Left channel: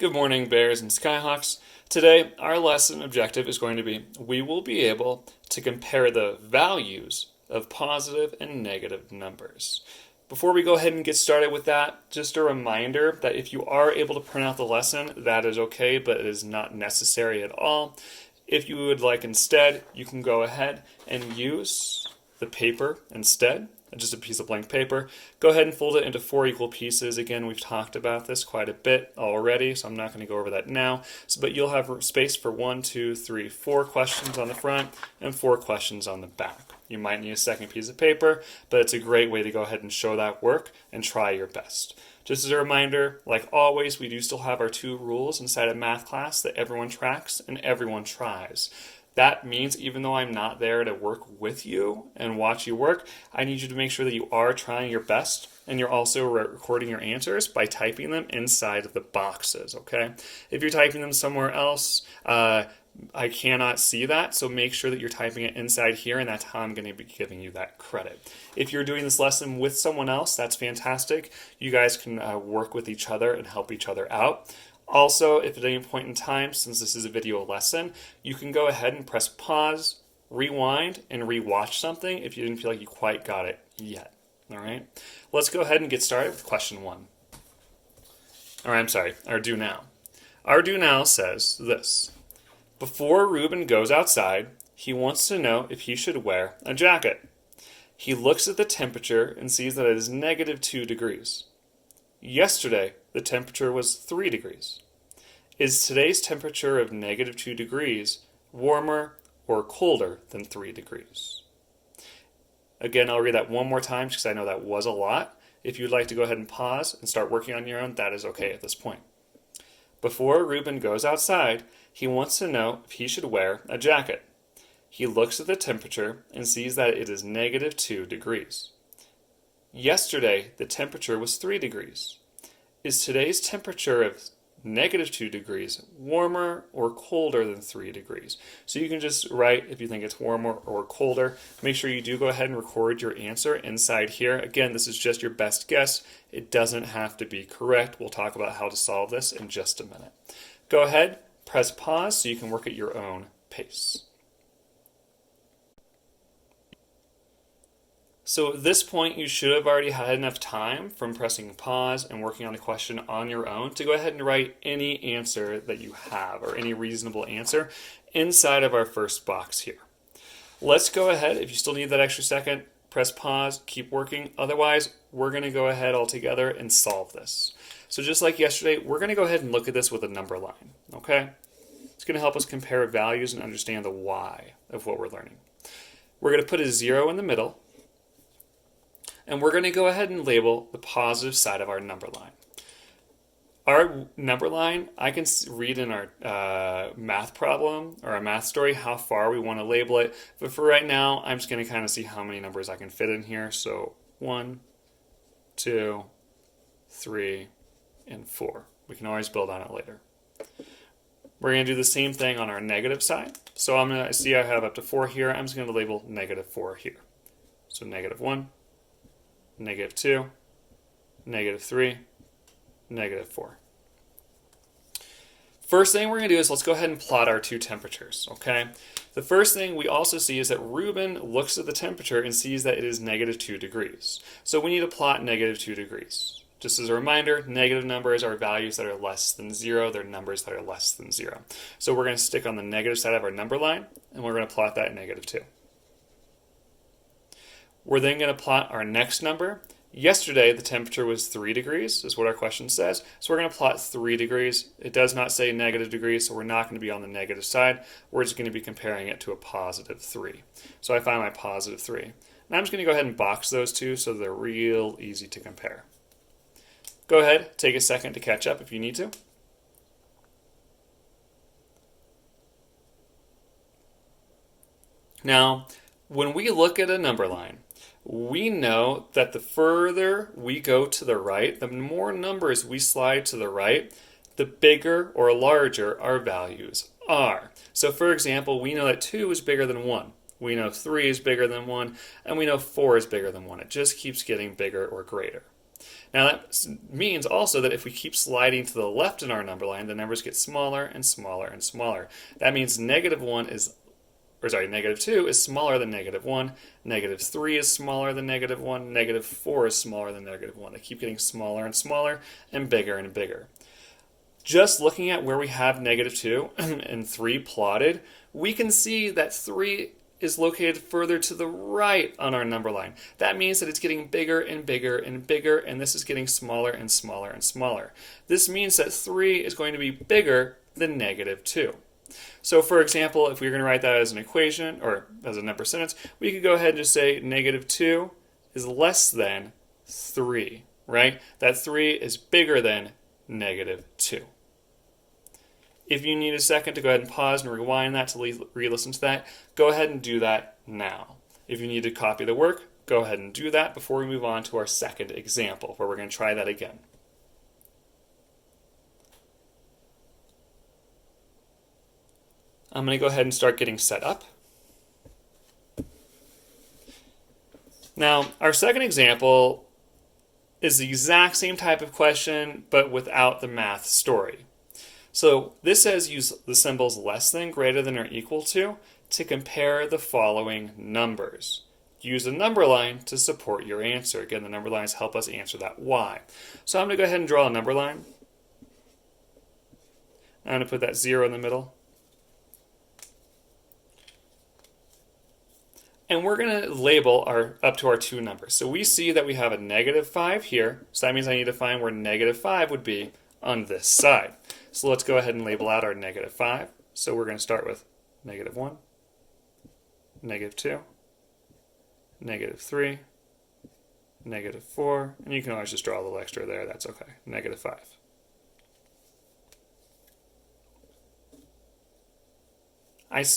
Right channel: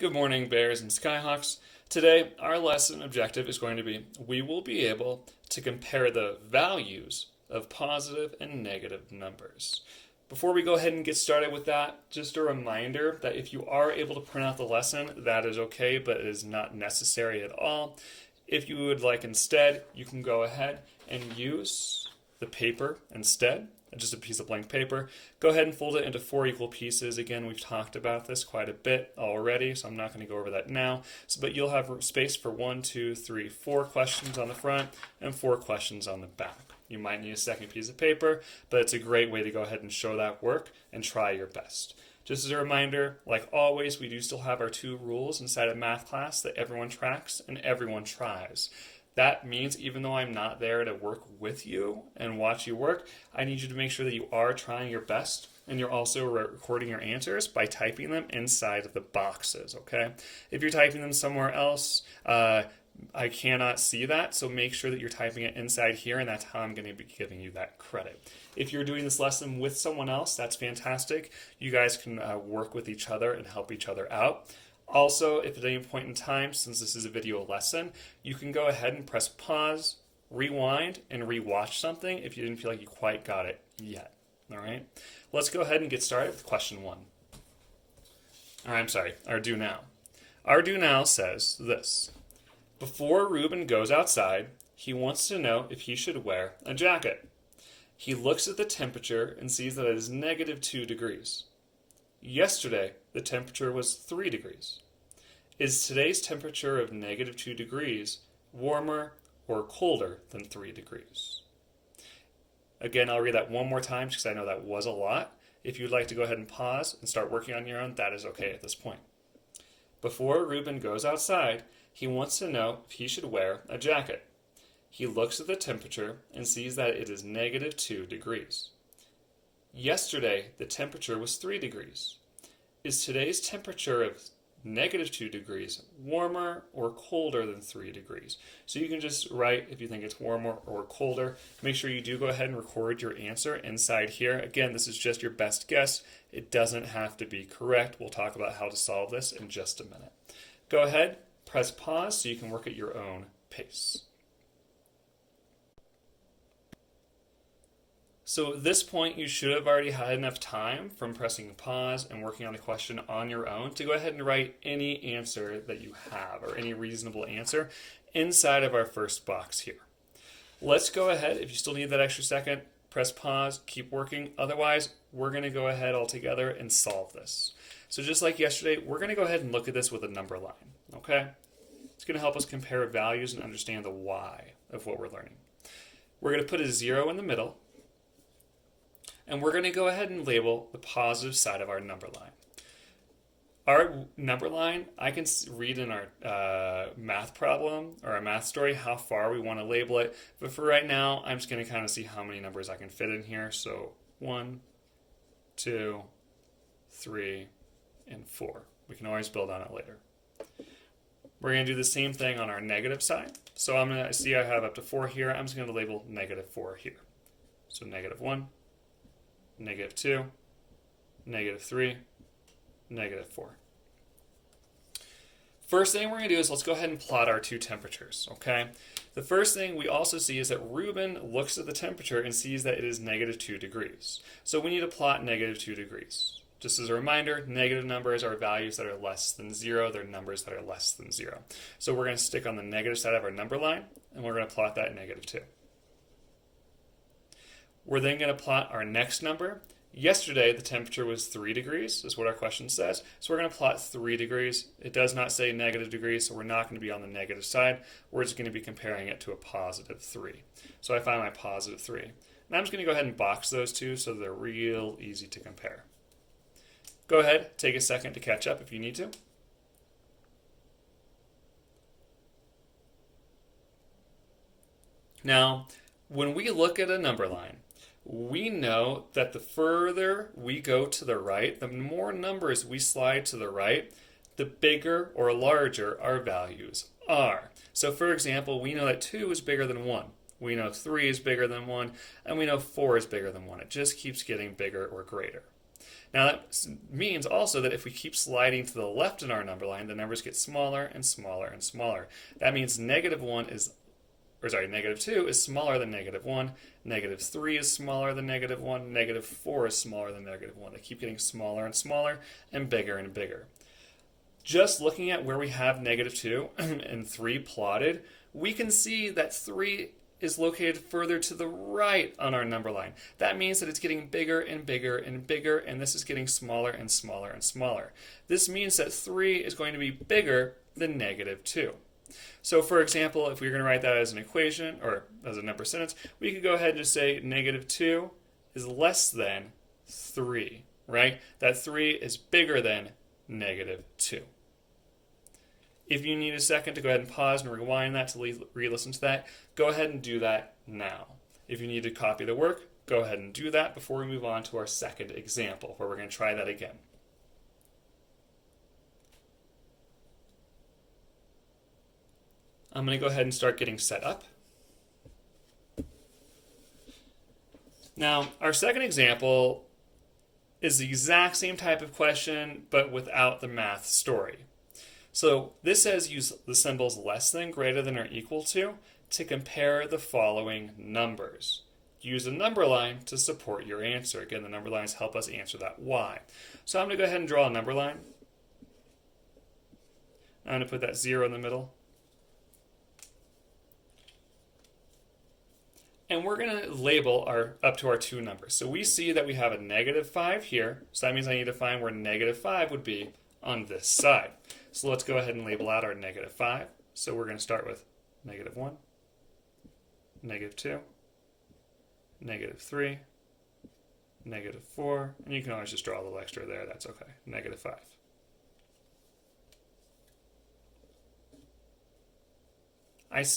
Good morning, Bears and Skyhawks. Today, our lesson objective is going to be we will be able to compare the values of positive and negative numbers. Before we go ahead and get started with that, just a reminder that if you are able to print out the lesson, that is okay, but it is not necessary at all. If you would like instead, you can go ahead and use the paper instead, just a piece of blank paper. Go ahead and fold it into 4 equal pieces. Again, we've talked about this quite a bit already, so I'm not going to go over that now. But you'll have space for 1, 2, 3, 4 questions on the front and 4 questions on the back. You might need a second piece of paper, but it's a great way to go ahead and show that work and try your best. Just as a reminder, like always, we do still have our 2 rules inside of math class that everyone tracks and everyone tries. That means even though I'm not there to work with you and watch you work, I need you to make sure that you are trying your best and you're also recording your answers by typing them inside of the boxes, okay? If you're typing them somewhere else, I cannot see that, so make sure that you're typing it inside here, and that's how I'm going to be giving you that credit. If you're doing this lesson with someone else, that's fantastic. You guys can work with each other and help each other out. Also, if at any point in time, since this is a video lesson, you can go ahead and press pause, rewind, and rewatch something if you didn't feel like you quite got it yet. All right? Let's go ahead and get started with question 1. Our do now. Our do now says this. Before Ruben goes outside, he wants to know if he should wear a jacket. He looks at the temperature and sees that it is -2 degrees. Yesterday, the temperature was 3 degrees. Is today's temperature of -2 degrees warmer or colder than 3 degrees? Again, I'll read that one more time because I know that was a lot. If you'd like to go ahead and pause and start working on your own, that is okay at this point. Before Ruben goes outside, he wants to know if he should wear a jacket. He looks at the temperature and sees that it is -2 degrees. Yesterday, the temperature was 3 degrees. Is today's temperature of -2 degrees warmer or colder than 3 degrees? So you can just write if you think it's warmer or colder. Make sure you do go ahead and record your answer inside here. Again, this is just your best guess. It doesn't have to be correct. We'll talk about how to solve this in just a minute. Go ahead, press pause so you can work at your own pace. So at this point, you should have already had enough time from pressing pause and working on the question on your own to go ahead and write any answer that you have or any reasonable answer inside of our first box here. Let's go ahead. If you still need that extra second, press pause, keep working. Otherwise, we're going to go ahead all together and solve this. So just like yesterday, we're going to go ahead and look at this with a number line, okay? It's going to help us compare values and understand the why of what we're learning. We're going to put a 0 in the middle. And we're going to go ahead and label the positive side of our number line. Our number line, I can read in our math problem or our math story how far we want to label it. But for right now, I'm just going to kind of see how many numbers I can fit in here. So 1, 2, 3, and 4. We can always build on it later. We're going to do the same thing on our negative side. So I'm going to see I have up to 4 here. I'm just going to label -4 here. So -1. -2, -3, -4. First thing we're going to do is let's go ahead and plot our 2 temperatures, okay? The first thing we also see is that Ruben looks at the temperature and sees that it is -2 degrees. So we need to plot -2 degrees. Just as a reminder, negative numbers are values that are less than 0. They're numbers that are less than 0. So we're going to stick on the negative side of our number line, and we're going to plot that -2. We're then going to plot our next number. Yesterday, the temperature was 3 degrees, is what our question says. So we're going to plot 3 degrees. It does not say negative degrees, so we're not going to be on the negative side. We're just going to be comparing it to a +3. So I find my +3. And I'm just going to go ahead and box those two so they're real easy to compare. Go ahead, take a second to catch up if you need to. Now, when we look at a number line, we know that the further we go to the right, the more numbers we slide to the right, the bigger or larger our values are. So for example, we know that 2 is bigger than 1. We know 3 is bigger than 1, and we know 4 is bigger than 1. It just keeps getting bigger or greater. Now that means also that if we keep sliding to the left in our number line, the numbers get smaller and smaller and smaller. That means negative 2 is smaller than negative 1, negative 3 is smaller than negative 1, negative 4 is smaller than negative 1. They keep getting smaller and smaller and bigger. Just looking at where we have negative 2 and 3 plotted, we can see that 3 is located further to the right on our number line. That means that it's getting bigger and bigger and bigger, and this is getting smaller and smaller and smaller. This means that 3 is going to be bigger than negative 2. So for example, if we were going to write that as an equation or as a number sentence, we could go ahead and just say negative 2 is less than 3, right? That 3 is bigger than negative 2. If you need a second to go ahead and pause and rewind that to re-listen to that, go ahead and do that now. If you need to copy the work, go ahead and do that before we move on to our second example, where we're going to try that again. I'm going to go ahead and start getting set up. Now, our second example is the exact same type of question, but without the math story. So this says use the symbols less than, greater than, or equal to compare the following numbers. Use a number line to support your answer. Again, the number lines help us answer that why. So I'm going to go ahead and draw a number line. I'm going to put that 0 in the middle. And we're going to label up to our two numbers. So we see that we have a negative 5 here. So that means I need to find where negative 5 would be on this side. So let's go ahead and label out our negative 5. So we're going to start with negative 1, negative 2, negative 3, negative 4, and you can always just draw a little extra there. That's okay. Negative 5.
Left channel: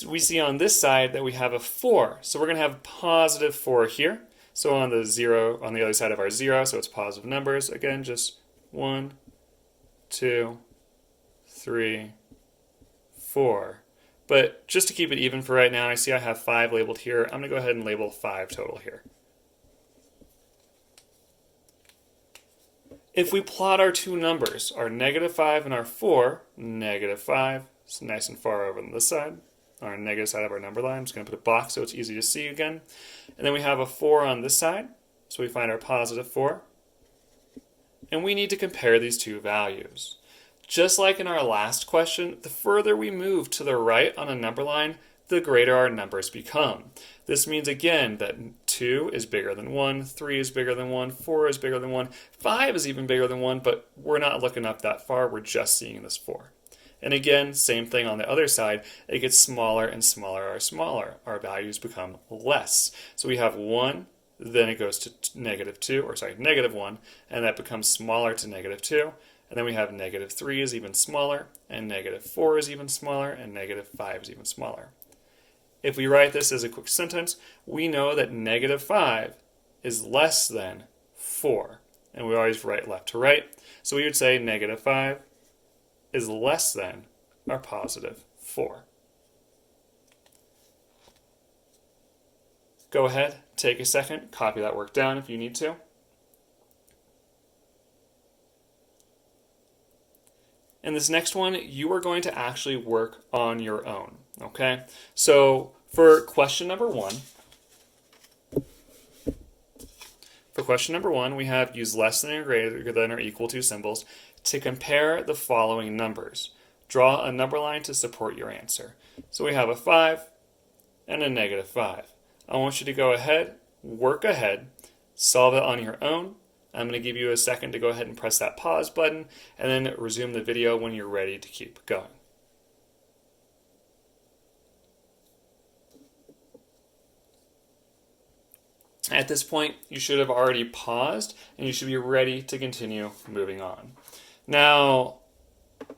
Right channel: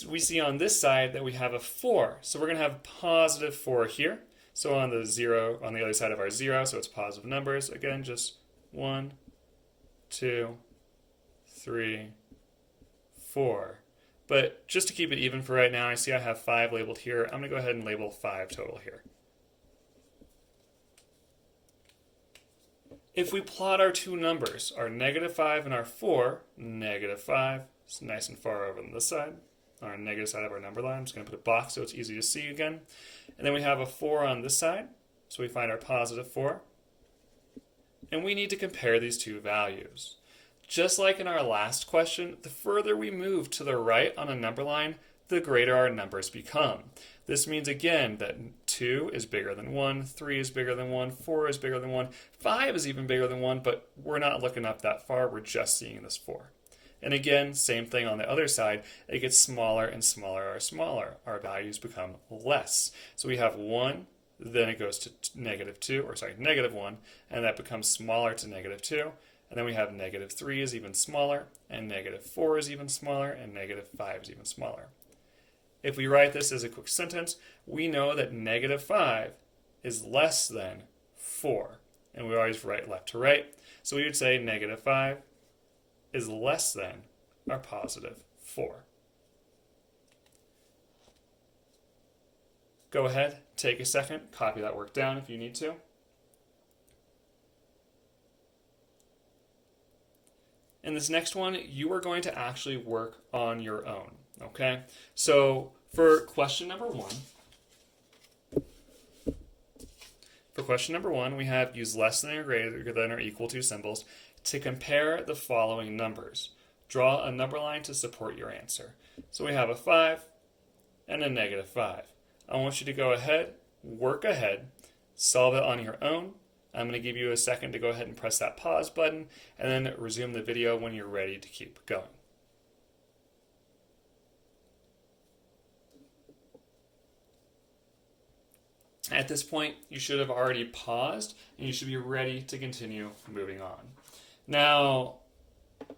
We see on this side that we have a 4. So we're going to have positive 4 here. So on the 0, on the other side of our 0, so it's positive numbers. Again, just 1, 2, 3, 4. But just to keep it even for right now, I see I have 5 labeled here. I'm going to go ahead and label 5 total here. If we plot our two numbers, our negative 5 and our 4, negative 5 is nice and far over on this side. On our negative side of our number line, I'm just going to put a box so it's easy to see again. And then we have a 4 on this side, so we find our positive 4. And we need to compare these two values. Just like in our last question, the further we move to the right on a number line, the greater our numbers become. This means, again, that 2 is bigger than 1, 3 is bigger than 1, 4 is bigger than 1, 5 is even bigger than 1, but we're not looking up that far, we're just seeing this 4. And again, same thing on the other side, it gets smaller and smaller or smaller. Our values become less. So we have 1, then it goes to negative 1, and that becomes smaller to negative 2. And then we have negative 3 is even smaller, and negative 4 is even smaller, and negative 5 is even smaller. If we write this as a quick sentence, we know that negative 5 is less than 4. And we always write left to right. So we would say negative 5 is less than our positive 4. Go ahead, take a second, copy that work down if you need to. And this next one, you are going to actually work on your own, okay? So for question number one, we have use less than or greater than or equal to symbols to compare the following numbers. Draw a number line to support your answer. So we have a 5 and a negative 5. I want you to go ahead, work ahead, solve it on your own. I'm going to give you a second to go ahead and press that pause button and then resume the video when you're ready to keep going. At this point, you should have already paused and you should be ready to continue moving on. Now,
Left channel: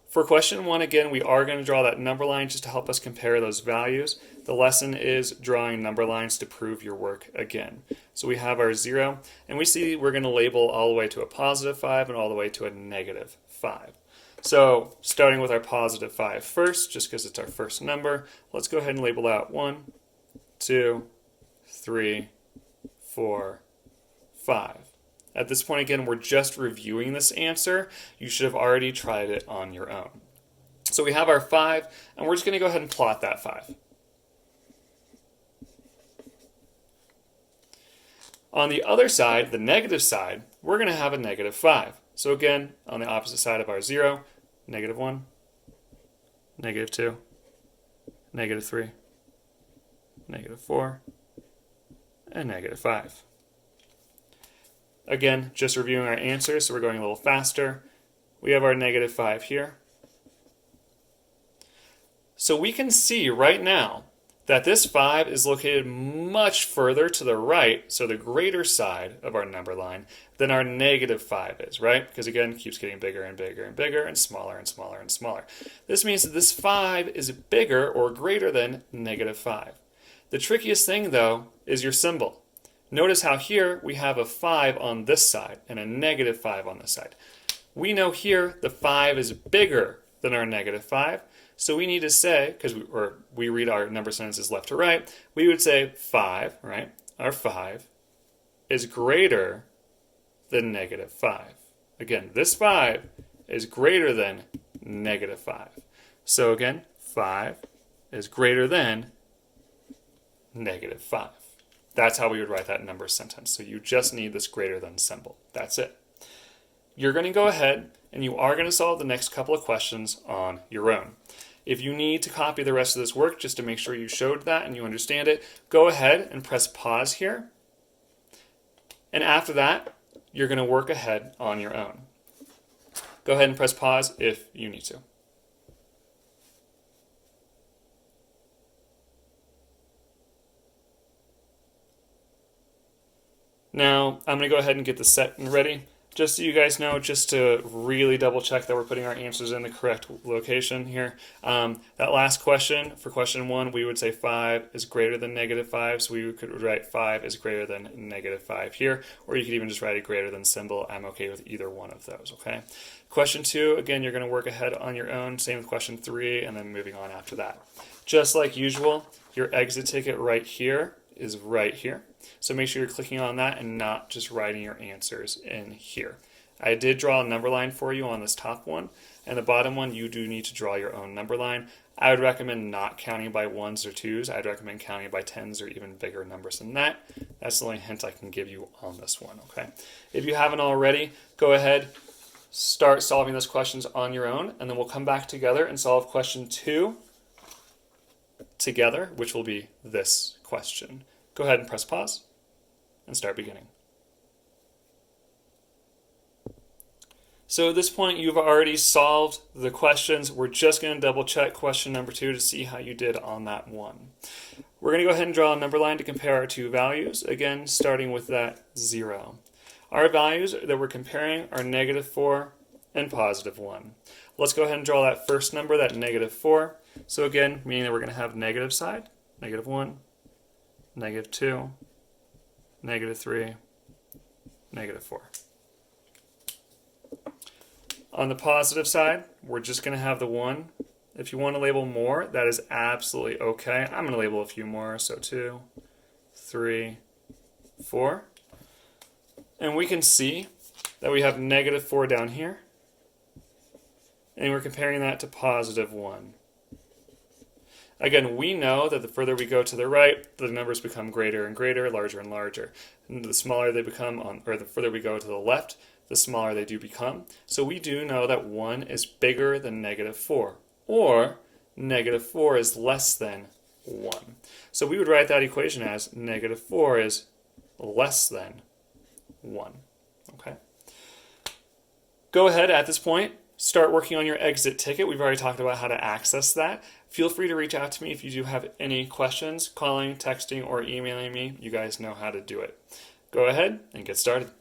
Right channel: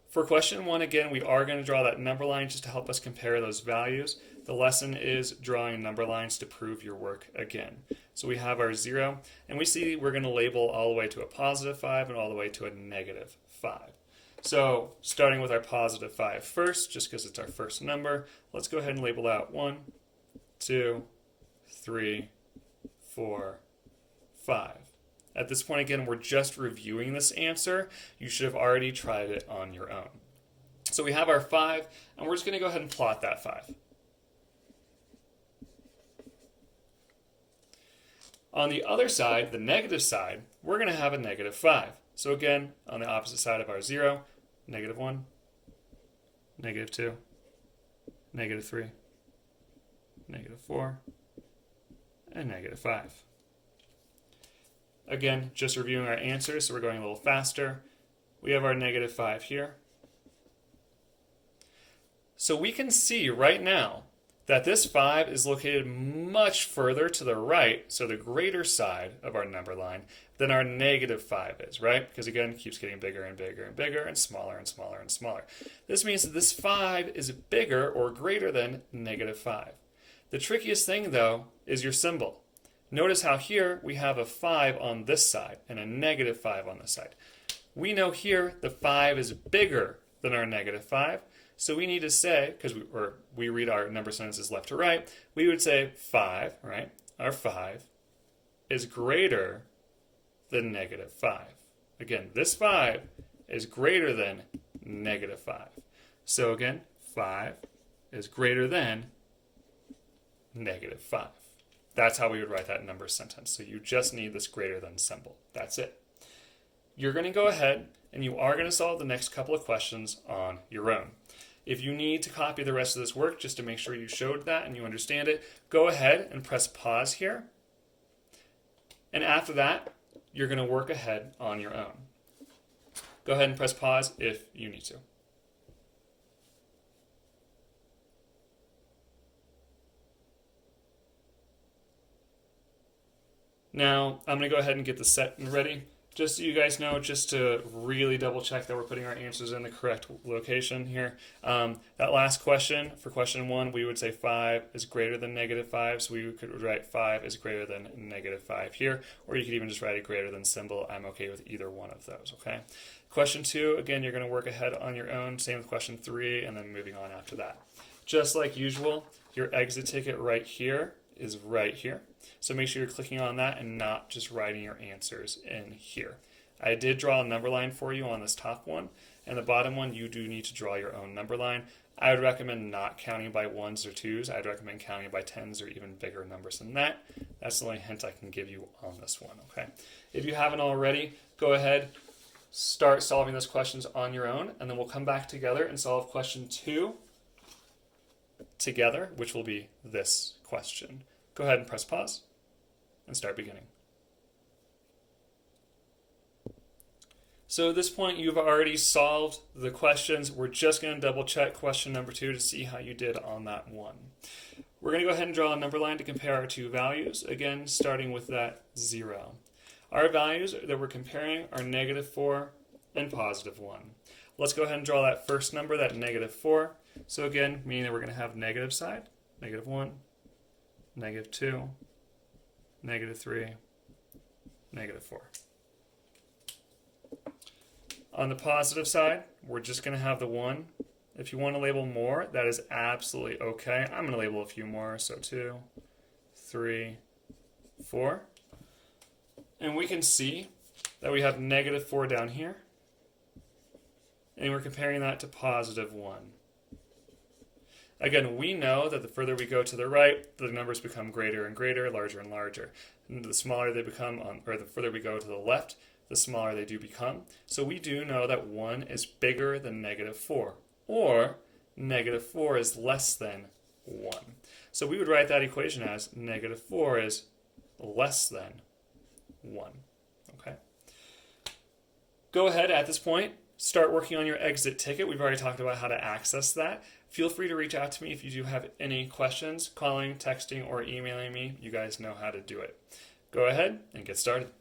for question one, again, we are going to draw that number line just to help us compare those values. The lesson is drawing number lines to prove your work again. So we have our 0, and we see we're going to label all the way to a positive 5 and all the way to a negative 5. So starting with our positive 5 first, just because it's our first number, let's go ahead and label out 1, 2, 3, 4, 5. At this point, again, we're just reviewing this answer. You should have already tried it on your own. So we have our 5, and we're just going to go ahead and plot that 5. On the other side, the negative side, we're going to have a negative 5. So again, on the opposite side of our 0, negative 1, negative 2, negative 3, negative 4, and negative 5. Again, just reviewing our answers, so we're going a little faster. We have our negative 5 here. So we can see right now that this 5 is located much further to the right, so the greater side of our number line, than our negative 5 is, right? Because again, it keeps getting bigger and bigger and bigger and smaller and smaller and smaller. This means that this 5 is bigger or greater than negative 5. The trickiest thing, though, is your symbol. Notice how here we have a 5 on this side and a negative 5 on this side. We know here the 5 is bigger than our negative 5, so we need to say, because we read our number sentences left to right, we would say 5, right? Our 5 is greater than negative 5. Again, this 5 is greater than negative 5. So again, 5 is greater than negative 5. That's how we would write that number sentence. So you just need this greater than symbol. That's it. You're going to go ahead and you are going to solve the next couple of questions on your own. If you need to copy the rest of this work just to make sure you showed that and you understand it, go ahead and press pause here. And after that, you're going to work ahead on your own. Go ahead and press pause if you need to. Now, I'm going to go ahead and get the set and ready. Just so you guys know, just to really double check that we're putting our answers in the correct location here. That last question, for question 1, we would say 5 is greater than negative 5, so we could write 5 is greater than negative 5 here, or you could even just write a greater than symbol. I'm okay with either one of those, okay? Question 2, again, you're going to work ahead on your own. Same with question 3, and then moving on after that. Just like usual, your exit ticket right here is right here. So make sure you're clicking on that and not just writing your answers in here. I did draw a number line for you on this top one, and the bottom one you do need to draw your own number line. I would recommend not counting by 1s or 2s. I'd recommend counting by 10s or even bigger numbers than that. That's the only hint I can give you on this one, okay? If you haven't already, go ahead, start solving those questions on your own, and then we'll come back together and solve question 2 together, which will be this question. Go ahead and press pause and start beginning. So at this point, you've already solved the questions. We're just going to double check question number 2 to see how you did on that one. We're going to go ahead and draw a number line to compare our two values, again, starting with that 0. Our values that we're comparing are negative 4 and positive 1. Let's go ahead and draw that first number, that negative 4. So again, meaning that we're going to have negative side, negative 1, negative 2, negative 3, negative 4. On the positive side, we're just going to have the 1. If you want to label more, that is absolutely okay. I'm going to label a few more, so 2, 3, 4. And we can see that we have negative 4 down here, and we're comparing that to positive 1. Again, we know that the further we go to the right, the numbers become greater and greater, larger and larger. And the smaller they become, or the further we go to the left, the smaller they do become. So we do know that 1 is bigger than negative 4, or negative 4 is less than 1. So we would write that equation as negative 4 is less than 1. Okay. Go ahead at this point, start working on your exit ticket. We've already talked about how to access that. Feel free to reach out to me if you do have any questions, calling, texting, or emailing me. You guys know how to do it. Go ahead and get started.